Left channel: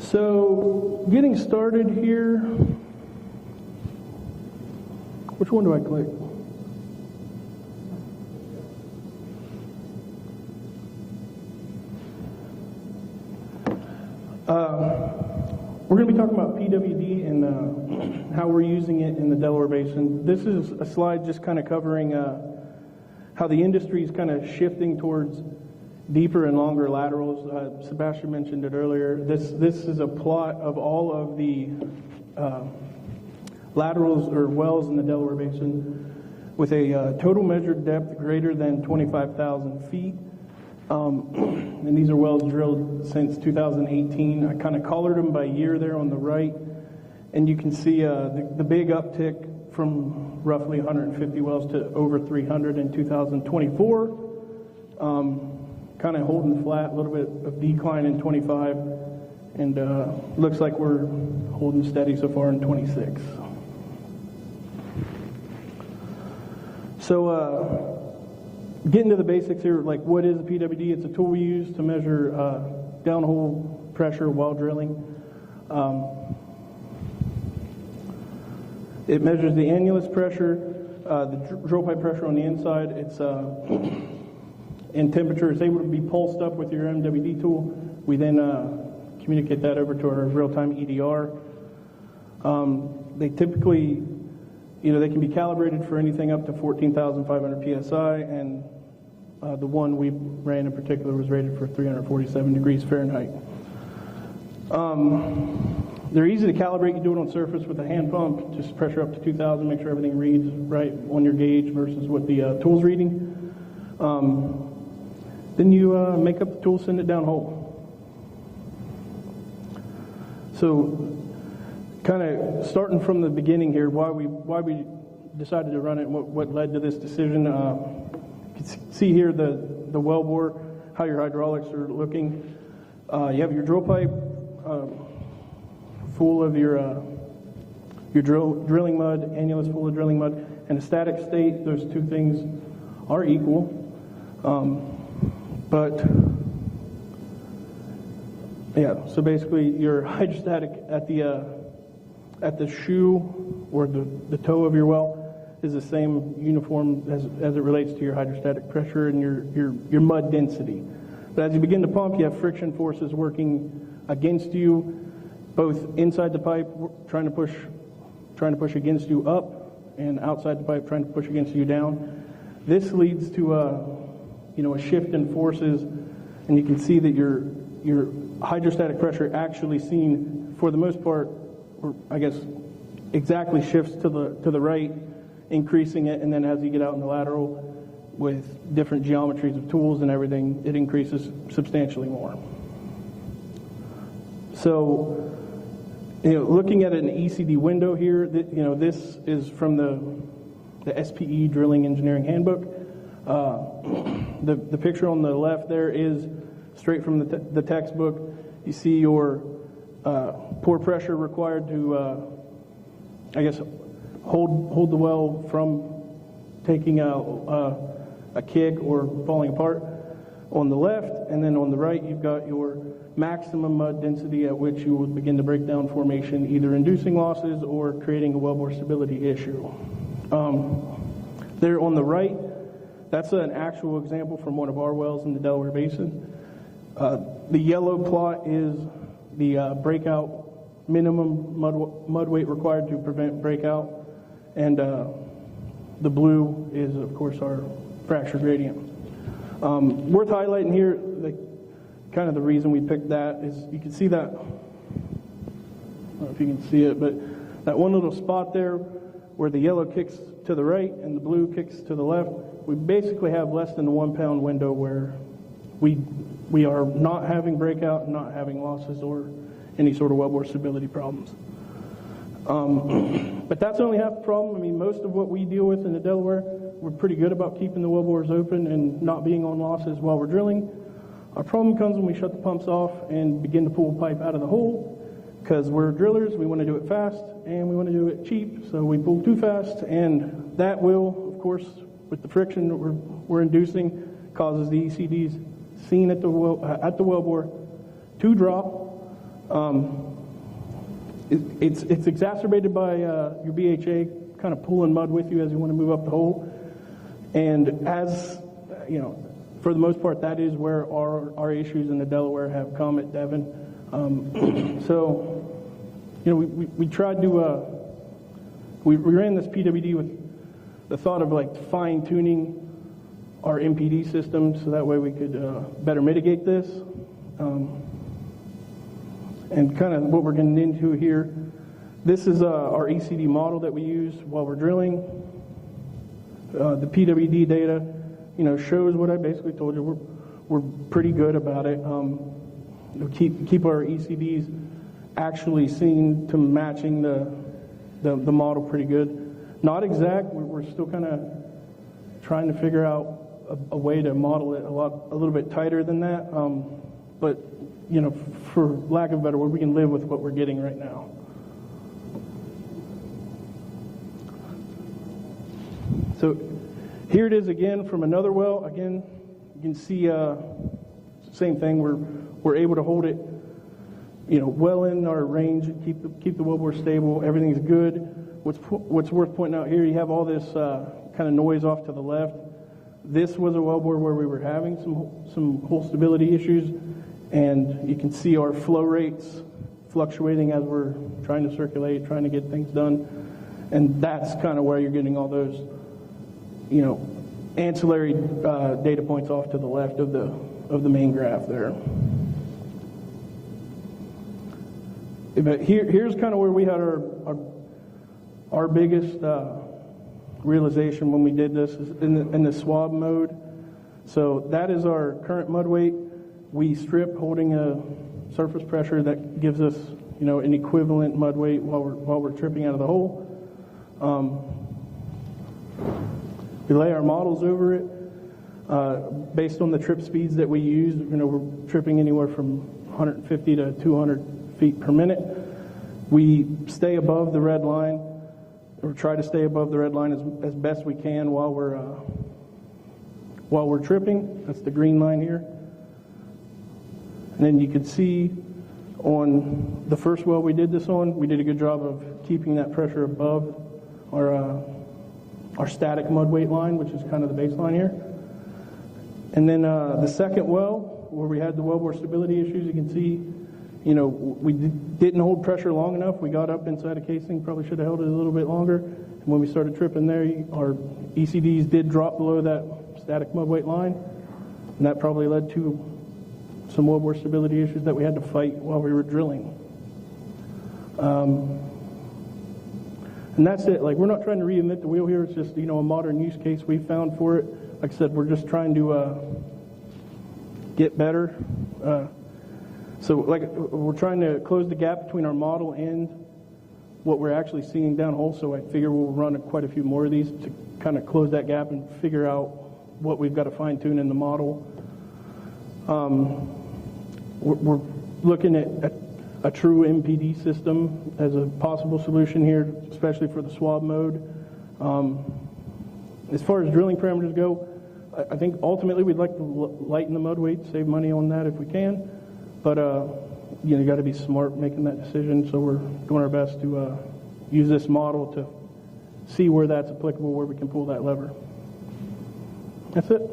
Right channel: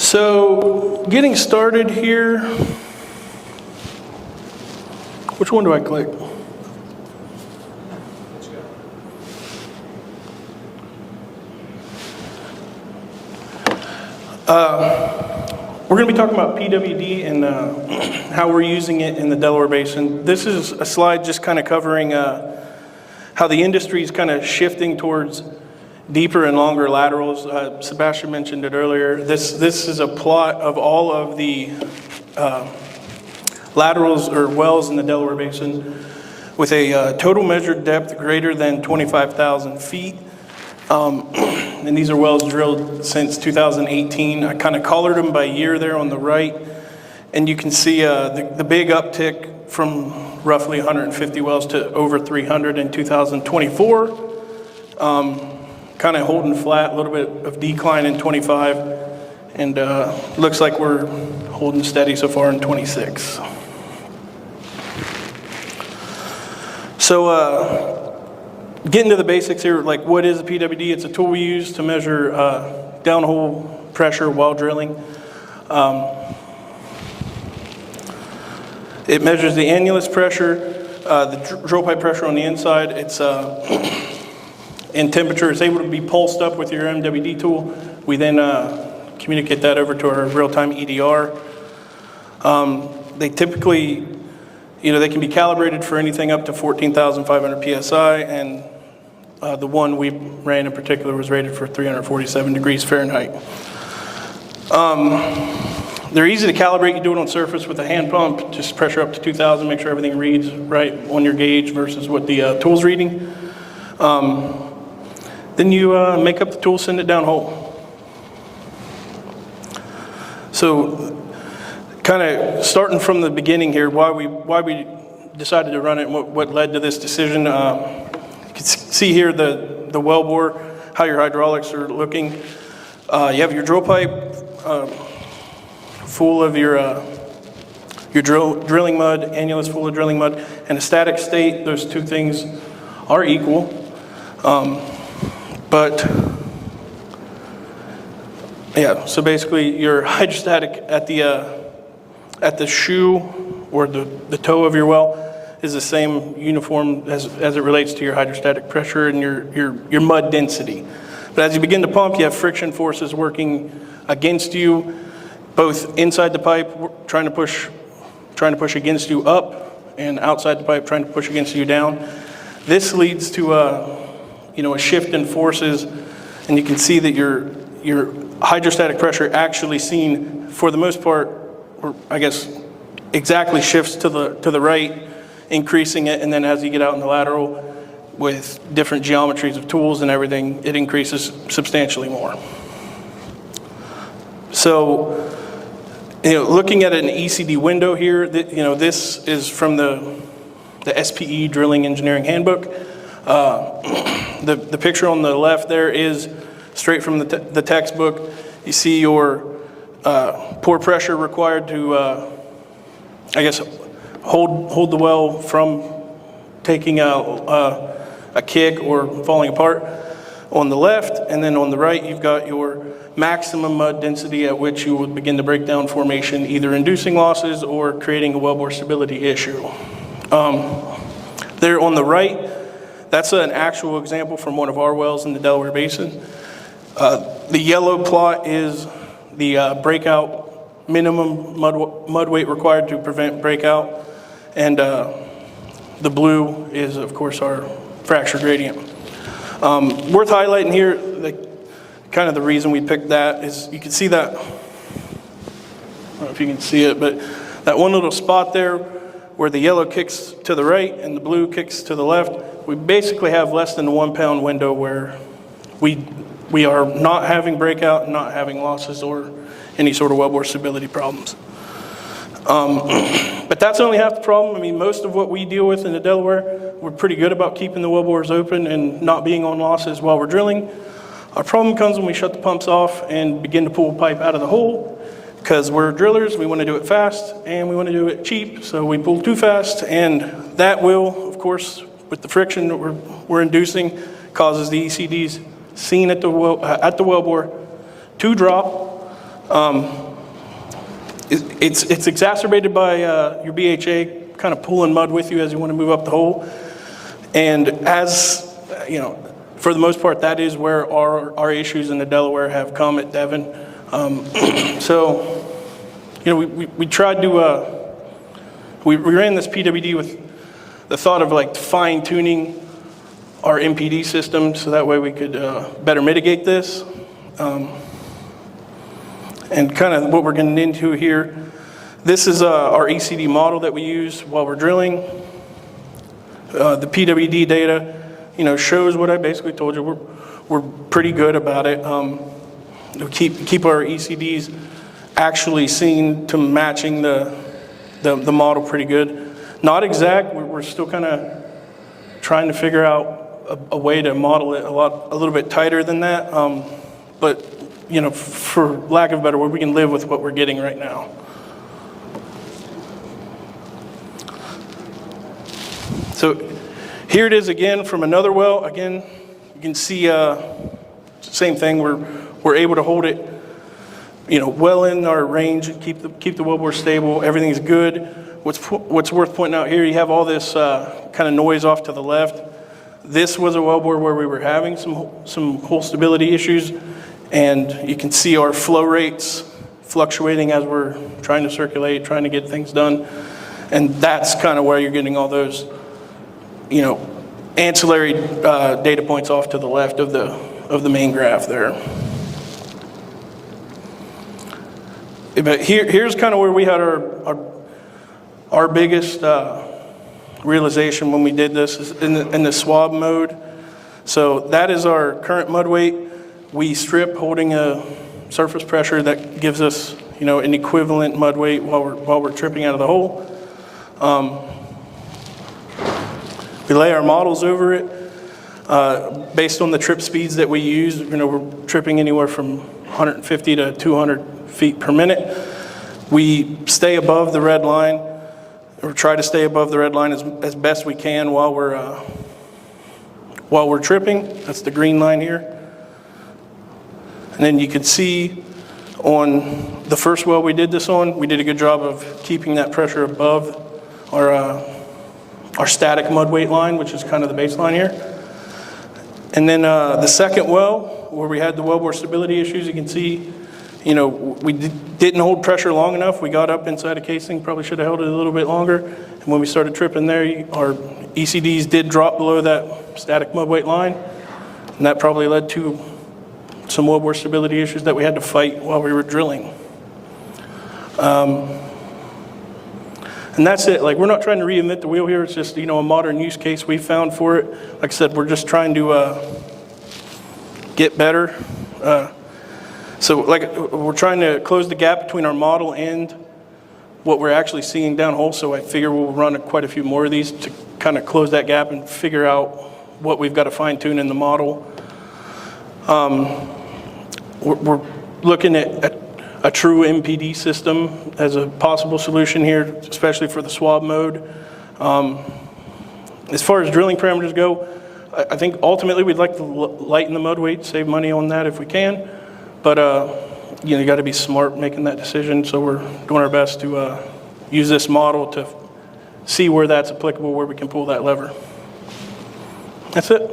So getting started here, which one do I click? We're going to be talking about PWD and how we're using it in the Delaware Basin. This is a slide just kind of covering how the industry is kind of shifting towards deeper and longer laterals. Sebastian mentioned it earlier. This is a plot of all of the laterals or wells in the Delaware Basin with a total measured depth greater than 25,000 feet. And these are wells drilled since 2018. I kind of colored them by year there on the right. And you can see the big uptick from roughly 150 wells to over 300 in 2024. Kind of holding flat, a little bit of decline in 25. And looks like we're holding steady so far in 26. So, getting to the basics here, like what is a PWD? It's a tool we use to measure downhole pressure while drilling. It measures the annulus pressure, the drill pipe pressure on the inside. It's in temperature. It's able to be pulsed up with your MWD tool. We then communicate that over to our real-time EDR. They typically, they can be calibrated for anything up to 14,500 PSI, and the one we ran in particular was rated for 347 degrees Fahrenheit. They're easy to calibrate. You do it on surface with a hand pump, just pressure up to 2,000, make sure everything reads right on your gauge versus what the tool's reading. Then you make up the tool, send it down hole. So kind of starting from the beginning here, why we decided to run it and what led to this decision. You can see here the well bore, how your hydraulics are looking. You have your drill pipe full of your drilling mud, annulus full of drilling mud, and a static state. Those two things are equal. But yeah, so basically your hydrostatic at the shoe or the toe of your well is the same uniform as it relates to your hydrostatic pressure and your mud density. But as you begin to pump, you have friction forces working against you, both inside the pipe trying to push against you up, and outside the pipe trying to push against you down. This leads to a shift in forces, and you can see that your hydrostatic pressure actually seen, for the most part, or I guess exactly shifts to the right, increasing it, and then as you get out in the lateral with different geometries of tools and everything, it increases substantially more. So, looking at an ECD window here, this is from the SPE Drilling Engineering Handbook. The picture on the left there is straight from the textbook. You see your pore pressure required to, hold the well from taking a kick or falling apart on the left, and then on the right you've got your maximum mud density at which you would begin to break down formation, either inducing losses or creating a wellbore stability issue. There on the right, that's an actual example from one of our wells in the Delaware Basin. The yellow plot is the breakout minimum mud weight required to prevent breakout, and the blue is, of course, our fracture gradient. Worth highlighting here, kind of the reason we picked that is you can see that, I don't know if you can see it, but that one little spot there where the yellow kicks to the right and the blue kicks to the left, we basically have less than a 1 pound window where we are not having breakout, not having losses or any sort of wellbore stability problems. But that's only half the problem. I mean, most of what we deal with in the Delaware, we're pretty good about keeping the wellbores open and not being on losses while we're drilling. Our problem comes when we shut the pumps off and begin to pull pipe out of the hole, because we're drillers, we want to do it fast and we want to do it cheap, so we pull too fast, and that will, of course, with the friction that we're inducing, causes the ECDs seen at the wellbore to drop, It's exacerbated by your BHA kind of pulling mud with you as you want to move up the hole. And as, for the most part, that is where our issues in the Delaware have come at Devon. So, we tried to, we ran this PWD with the thought of like fine tuning our MPD system so that way we could better mitigate this. And kind of what we're getting into here, this is our ECD model that we use while we're drilling. The PWD data, shows what I basically told you. We're pretty good about it. Keep our ECDs actually seen to matching the model pretty good. Not exact. We're still kind of trying to figure out a way to model it a little bit tighter than that. But for lack of a better word, we can live with what we're getting right now. So here it is again from another well. Again, you can see same thing. We're able to hold it, well in our range and keep the wellbore stable. Everything's good. What's worth pointing out here, you have all this kind of noise off to the left. This was a wellbore where we were having some hole stability issues, and you can see our flow rates fluctuating as we're trying to circulate, trying to get things done. And that's kind of where you're getting all those, ancillary data points off to the left of the main graph there. But here's kind of where we had our biggest realization when we did this is in the swab mode. So that is our current mud weight. We strip holding a surface pressure that gives us, an equivalent mud weight while we're tripping out of the hole. We lay our models over it based on the trip speeds that we use. We're tripping anywhere from 150 to 200 feet per minute. We stay above the red line, or try to stay above the red line as best we can while we're tripping. That's the green line here. And then you can see on the first well we did this on, we did a good job of keeping that pressure above our static mud weight line, which is kind of the baseline here. And then the second well, where we had the wellbore stability issues, you can see, we didn't hold pressure long enough. We got up inside a casing, probably should have held it a little bit longer. And when we started tripping there, our ECDs did drop below that static mud weight line. And that probably led to some wellbore stability issues that we had to fight while we were drilling. And that's it. Like, we're not trying to reinvent the wheel here. It's just, a modern use case we found for it. Like I said, we're just trying to get better. So we're trying to close the gap between our model and what we're actually seeing downhole. So I figure we'll run quite a few more of these to kind of close that gap and figure out what we've got to fine tune in the model. We're looking at a true MPD system as a possible solution here, especially for the swab mode. As far as drilling parameters go, I think ultimately we'd like to lighten the mud weight, save money on that if we can. But you got to be smart making that decision. So we're doing our best to use this model to see where that's applicable, where we can pull that lever. That's it.